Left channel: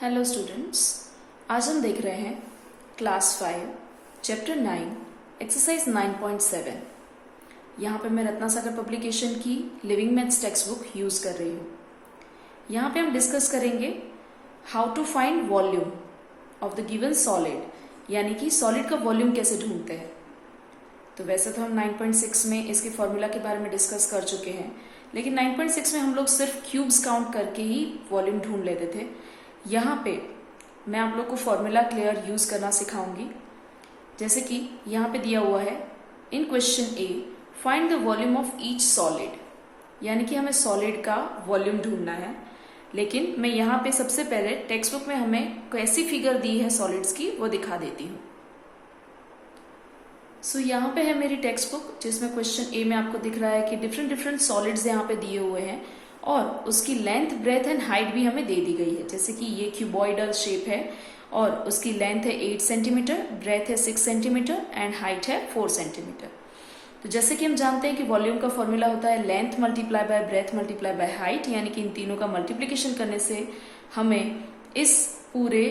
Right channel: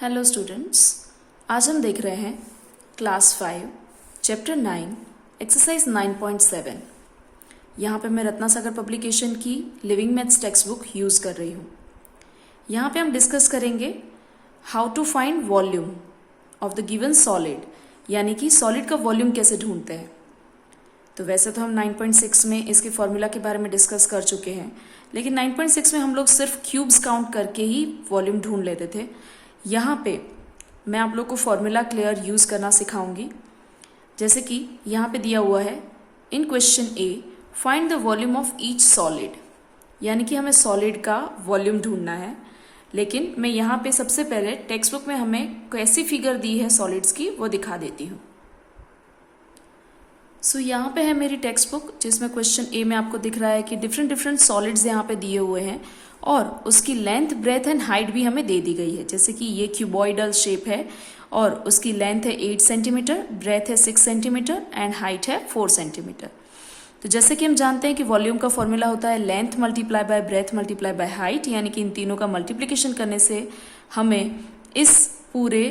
Hello students, आज हम देख रहे हैं क्लास 5 चैप्टर 9 एक्सरसाइज 9.7। यहाँ पे मैं रत्ना सागर पब्लिकेशन की living maths text book use कर रही हूँ। यहाँ पे हम डिस्कस करेंगे how to find volume of the given solid, यानी कि सॉलिड का वॉल्यूम कैसे ढूंढते हैं। तो वैसे तो हम 9.6 में इसके फॉर्मूला के बारे में डिस्कस कर चुके हैं, लेकिन 9.6 में हम लोग सिर्फ क्यूब्स काउंट करके ही वॉल्यूम ढूंढ लेते थे। यहाँ पे मैं आप लोग को फॉर्मूला क्लियर यूज करना सिखाऊंगी। जैसे कि यहाँ पे दिया हुआ है in question A, find the volume of each solid, यानी कि हमें सॉलिड का वॉल्यूम ढूंढना है। लेकिन मैं यहाँ पे सबसे पहले टेक्स्ट बुक में हमें कैसी फिगर दी है सॉलिड्स की वो दिखा देती हूँ। सो यहाँ पे है मेरी टेक्स्ट बुक, जिसमें क्वेश्चन ए में आपको दिख रहा है कि डिफरेंट सॉलिड्स यहाँ पे दिए हुए हैं और उसकी लेंथ, ब्रेथ एंड हाइट भी हमें दे दी गई है। जैसे कि ये क्यूबॉइडल शेप है और उसकी लेंथ है 8 सेंटीमीटर, ब्रेथ है 6 सेंटीमीटर एंड हाइट है 4 सेंटीमीटर। तो जैसे कि हम जानते हैं कि वॉल्यूम का फॉर्मूला होता है length multiply by breadth multiply by height, यानी कि इन तीनों का मल्टीप्लिकेशन करने से हमें इस पूरे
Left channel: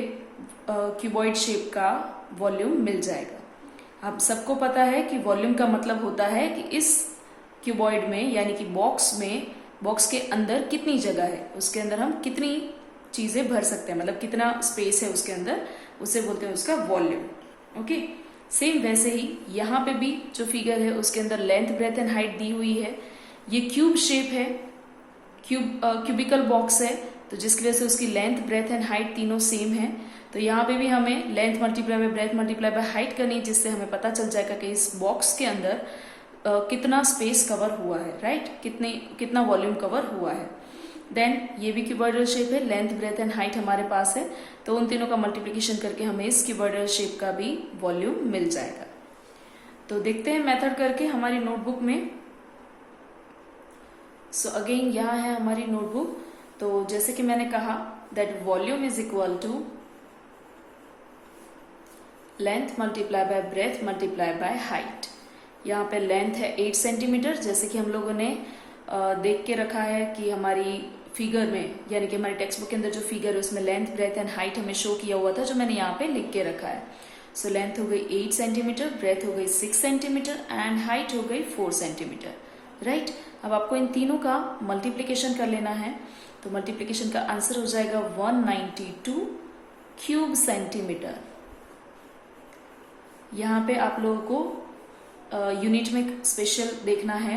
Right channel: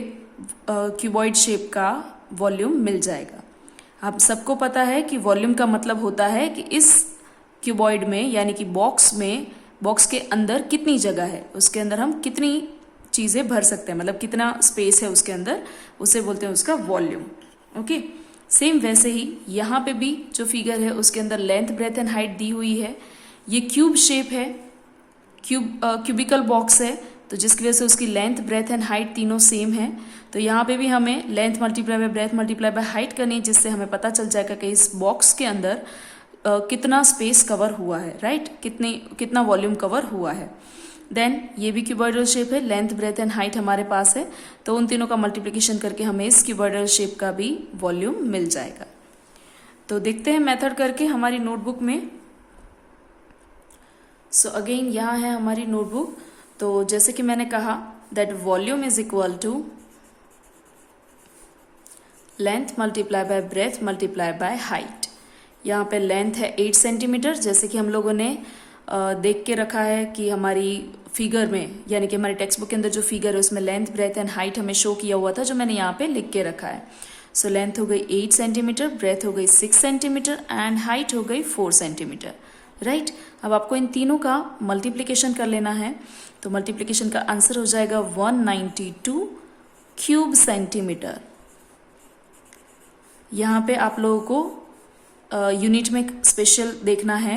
क्यूबॉइड शेप का वॉल्यूम मिल जाएगा। आप सबको पता है कि वॉल्यूम का मतलब होता है कि इस क्यूबॉइड में, यानी कि बॉक्स के अंदर कितनी जगह है, उसके अंदर हम कितनी चीजें भर सकते हैं, मतलब कितना स्पेस है उसके अंदर, उसे बोलते हैं उसका वॉल्यूम। ओके, सेम वैसे ही यहाँ पे भी जो फिगर है उसके अंदर लेंथ, ब्रेथ एंड हाइट दी हुई है। ये क्यूब शेप है, क्यूबिकल बॉक्स है, तो जिसकी वजह से उसकी लेंथ, ब्रेथ एंड हाइट तीनों सेम है। तो यहाँ पे भी हमें length multiply by breadth multiply by height करनी है, जिससे हमें पता चल जाएगा कि इस बॉक्स के अंदर कितना स्पेस कवर हुआ है, राइट, कितना वॉल्यूम कवर हुआ है। देन ये भी क्यूबॉइडल शेप है, लेंथ, ब्रेथ एंड हाइट हमारे पास है, तो उन तीनों का मल्टीप्लिकेशन करके हमें इस क्यूबॉइडल शेप का भी वॉल्यूम मिल जाएगा। तो देखते हैं मेथड करके हमारी नोटबुक में। सो अगेन यहाँ है हमारी नोटबुक। तो जैसे कि मैंने कहा that volume is equal to length multiply by breadth multiply by height. यहाँ पे लेंथ है 8 सेंटीमीटर, जैसे कि हम लोगों ने देख के रखा है कि हमारी फिगर में, यानी कि हमारी टेक्स्ट बुक के अंदर जो फिगर है उसमें लेंथ, ब्रेथ एंड हाइट हमें शो किया हुआ था, जो मैंने यहाँ पे लिख के रखा है। सो लेंथ हो गई 8 सेंटीमीटर, ब्रेथ हो गई 6 सेंटीमीटर एंड हाइट हो गई 4 सेंटीमीटर, राइट। अब आपको इन तीनों का मल्टीप्लीकेशन कर लेना है, तो मल्टीप्लीकेशन का आंसर हो जाएगा 192 क्यूब सेंटीमीटर। यहाँ पे आप लोगों को यूनिट में स्पेशल देखना है,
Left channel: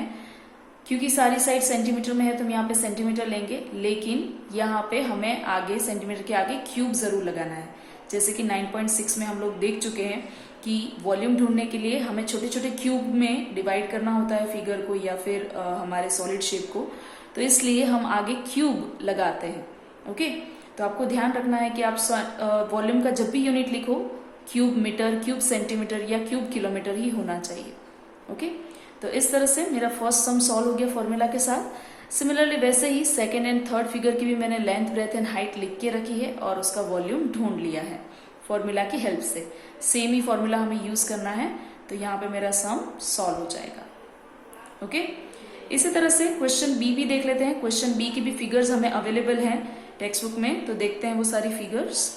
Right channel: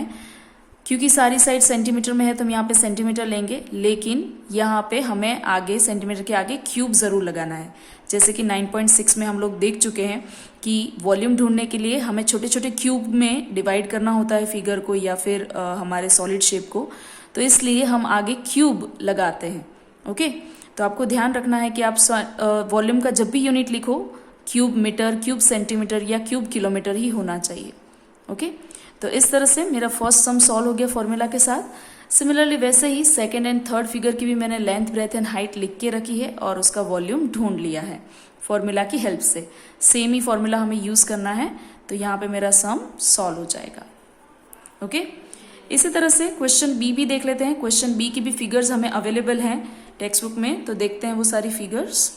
क्योंकि सारी साइड सेंटीमीटर में है तो हम यहाँ पे सेंटीमीटर लेंगे, लेकिन यहाँ पे हमें आगे सेंटीमीटर के आगे क्यूब जरूर लगाना है। जैसे कि 9.6 में हम लोग देख चुके हैं कि वॉल्यूम ढूंढने के लिए हमें छोटे छोटे क्यूब में डिवाइड करना होता है फिगर को या फिर हमारे सॉलिड शेप को, तो इसलिए हम आगे क्यूब लगाते हैं। ओके, तो आपको ध्यान रखना है कि आप वॉल्यूम का जब भी यूनिट लिखो क्यूब मीटर, क्यूब सेंटीमीटर या क्यूब किलोमीटर ही होना चाहिए। ओके, तो इस तरह से मेरा फर्स्ट सम सॉल्व हो गया फॉर्मूला के साथ। सिमिलरली वैसे ही सेकंड एंड थर्ड फिगर की भी मैंने लेंथ, ब्रेथ एंड हाइट लिख के रखी है और उसका वॉल्यूम ढूंढ लिया है फॉर्मूला की हेल्प से। सेम ही फॉर्मूला हमें यूज करना है, तो यहाँ पे मेरा सम सॉल्व हो जाएगा। ओके, इसी तरह से क्वेश्चन बी भी देख लेते हैं। क्वेश्चन बी की भी फिगर्स हमें अवेलेबल हैं टेक्स्ट बुक में, तो देखते हैं वो सारी फिगर्स।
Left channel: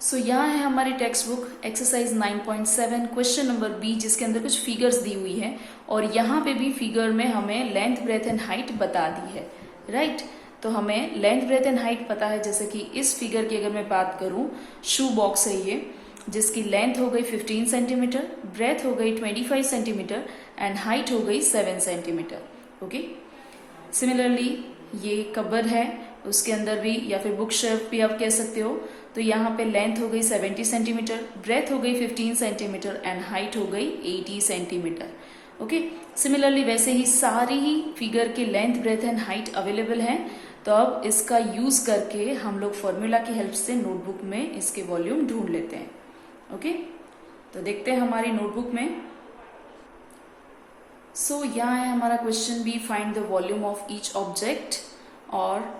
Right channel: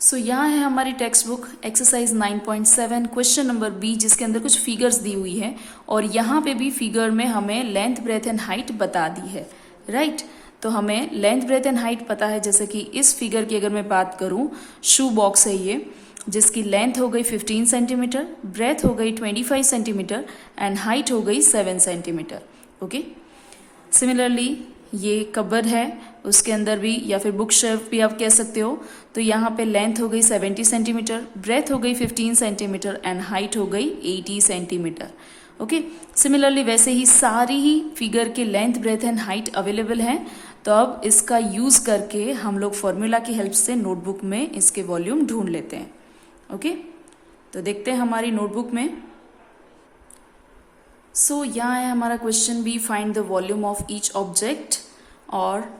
सो यहाँ है हमारी text book exercise 9.7 question number B, जिसके अंदर कुछ फिगर्स दी हुई है और यहाँ पे भी फिगर में हमें लेंथ, ब्रेथ एंड हाइट बता दी है, राइट। तो हमें लेंथ, ब्रेथ एंड हाइट पता है। जैसे कि इस फिगर की अगर मैं बात करूँ, शू बॉक्स है ये, जिसकी लेंथ हो गई 15 सेंटीमीटर, ब्रेथ हो गई 25 सेंटीमीटर एंड हाइट हो गई 7 सेंटीमीटर। ओके, सिमिलरली ये कबर्ड है, उसके अंदर भी, या फिर बुक शेल्फ भी आप कह सकते हो, तो यहाँ पे लेंथ हो गई 70 सेंटीमीटर, ब्रेथ हो गई 15 सेंटीमीटर एंड हाइट हो गई 80 सेंटीमीटर। ओके, सिमिलरली वैसे ही सारी ही फिगर के length, breadth and height available हैं। तो अब इसका यूज करके हम लोग फॉर्मूला की हेल्प से नोटबुक में इसके वॉल्यूम ढूंढ लेते हैं। ओके, तो देखते हैं हमारी नोटबुक में। सो यहाँ है हमारा question B, find the volume of each object, और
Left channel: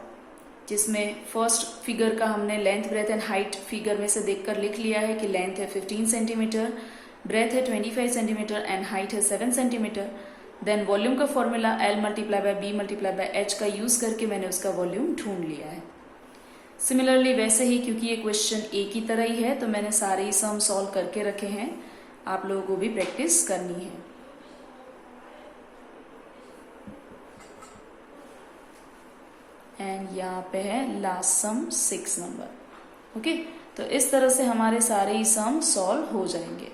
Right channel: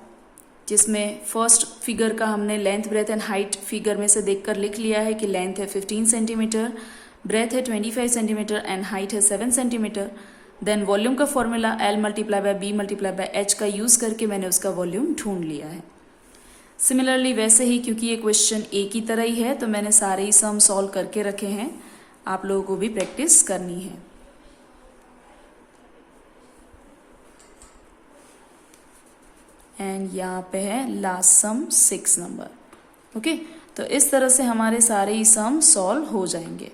जिसमें फर्स्ट फिगर का हमने length, breadth and height figure में से देखकर लिख लिया है कि लेंथ है 15 सेंटीमीटर, ब्रेथ है 25 सेंटीमीटर एंड हाइट है 7 सेंटीमीटर। देन वॉल्यूम का formula L multiply by B multiply by H का यूज करके मैंने उसका वॉल्यूम ढूंढ लिया है। सिमिलरली वैसे ही, क्योंकि ये क्वेश्चन ए की तरह ही है, तो मैंने सारे ही सम सॉल्व करके रखे हैं, आप लोगों को भी प्रैक्टिस करनी है। एंड यहाँ पे है लास्ट सम 6 नंबर। ओके, तो इस तरह से हमारे सारे ही सम सॉल्व हो जाएंगे।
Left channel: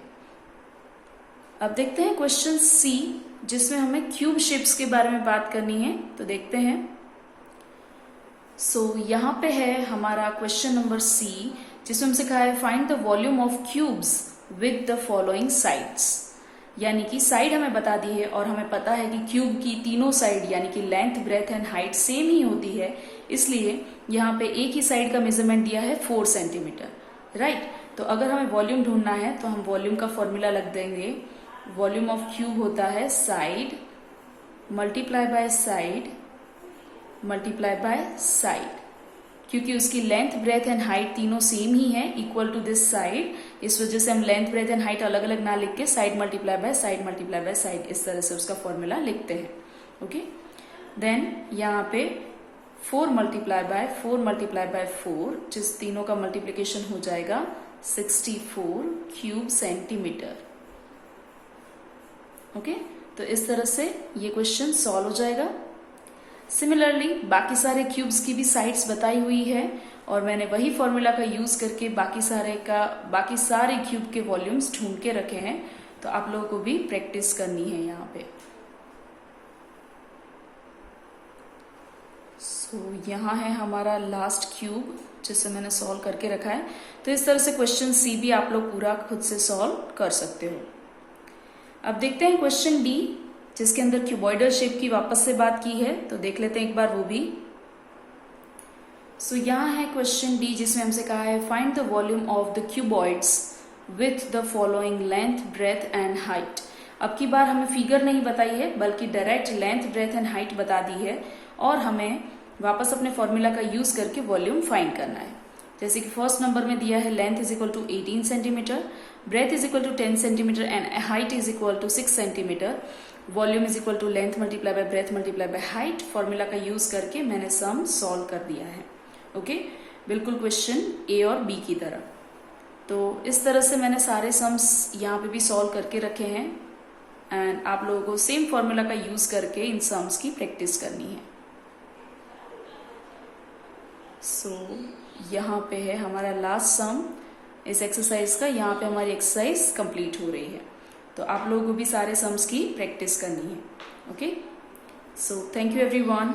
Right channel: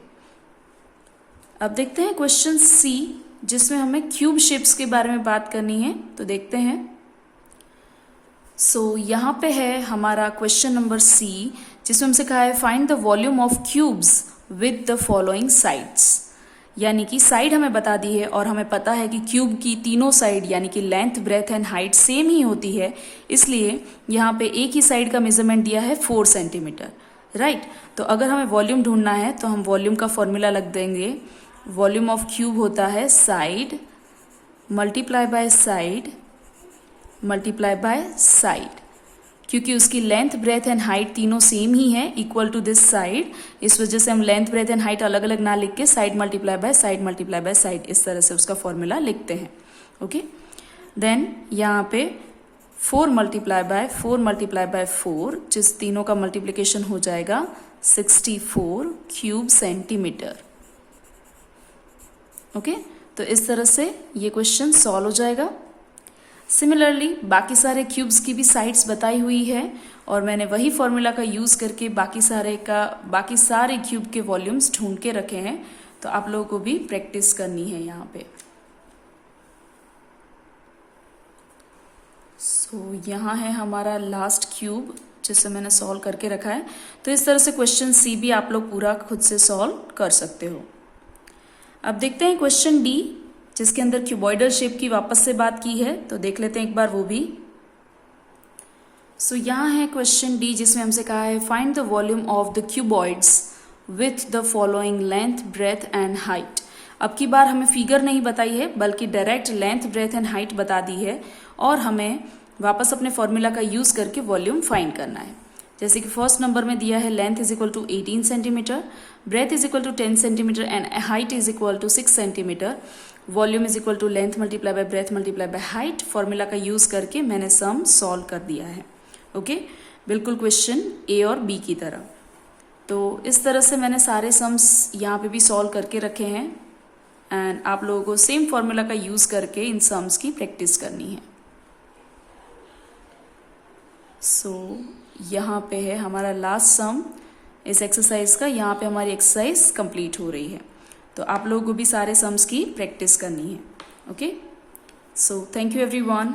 अब देखते हैं क्वेश्चन सी, जिसमें हमें क्यूब शेप्स के बारे में बात करनी है, तो देखते हैं। यहाँ पे है हमारा क्वेश्चन नंबर सी, जिसमें हमसे कहा है find the volume of cubes with the following sides. यानी कि साइड हमें बता दी है और हमें पता है कि क्यूब की तीनों साइड यानी कि length, breadth and height same ही होती है, इसलिए यहाँ पे एक ही साइड का मेजरमेंट दिया है 4 सेंटीमीटर, राइट। तो अगर हमें वॉल्यूम ढूंढना है तो हम वॉल्यूम का फॉर्मूला लग देंगे। वॉल्यूम ऑफ क्यूब होता है side multiply by side multiply by side, क्योंकि उसकी लेंथ, ब्रेथ एंड हाइट तीनों सेम ही है, इक्वल टू दिस साइड, इस वजह से हम लेंथ, ब्रेथ एंड हाइट अलग अलग ना लिख के side multiply by side multiply by side इस तरह से उसका फॉर्मूला लिखते हैं। ओके, देन यहाँ पे 4 मल्टीप्लाई बाय 4, जिस तीनों का मल्टीप्लीकेशन हो जाएगा 64 क्यूब सेंटीमीटर। ओके, तो इस तरह से ये क्वेश्चन सॉल्व हो जाएगा। सिमिलरली बाकी सारे क्यूब्स की भी साइड्स बताई हुई है और मैंने वही फॉर्मूला का यूज करके बाकी सारे क्यूब के वॉल्यूम्स ढूंढ के रखे हैं, तो आप लोगों को भी प्रैक्टिस करनी है यहाँ पे। यहाँ है हमारा लास्ट क्यूब जिसे मैंने सॉल्व करके रखा है। तो इस तरह से क्वेश्चन सी भी आप लोग पूरा खुद से सॉल्व कर सकते हो। अब देखते हैं क्वेश्चन डी, जिसके अंदर क्यूबॉइडल शेप की वापस से बात की है, तो देख लेते हैं एक बार वो भी। यहाँ है क्वेश्चन डी, जिसमें हमसे कहा है find the volume of the cuboids with the following length, breadth and height. अब की बार हमें फिगर नहीं बताई है, बल्कि direct length, breadth and height बता दी है और हमें वापस अपने फॉर्मूला का यूज करके वॉल्यूम फाइंड करना है। जैसे कि फर्स्ट नंबर में दिया है length is equal to 18 centimetre, breadth is equal to 10 centimetre and height is equal to 6 centimetre. Volume is equal to length multiply by breadth multiply by height. Formula का use करके मैंने sum solve कर दिया है। Okay, बिल्कुल question ए और B की तरह। तो इस तरह से मैंने सारे सम्स यहाँ पे भी सॉल्व करके रखे हैं एंड आप लोगों को सेम फॉर्मूला का यूज करके इन सम्स की प्रैक्टिस करनी है। यहाँ पे है हमारा लास्ट सम इस एक्सरसाइज का। यहाँ पे हमारी एक्सरसाइज कंप्लीट हो रही है, तो आप लोगों को भी सारे सम्स की प्रैक्टिस करनी है। Okay, so thank you everyone.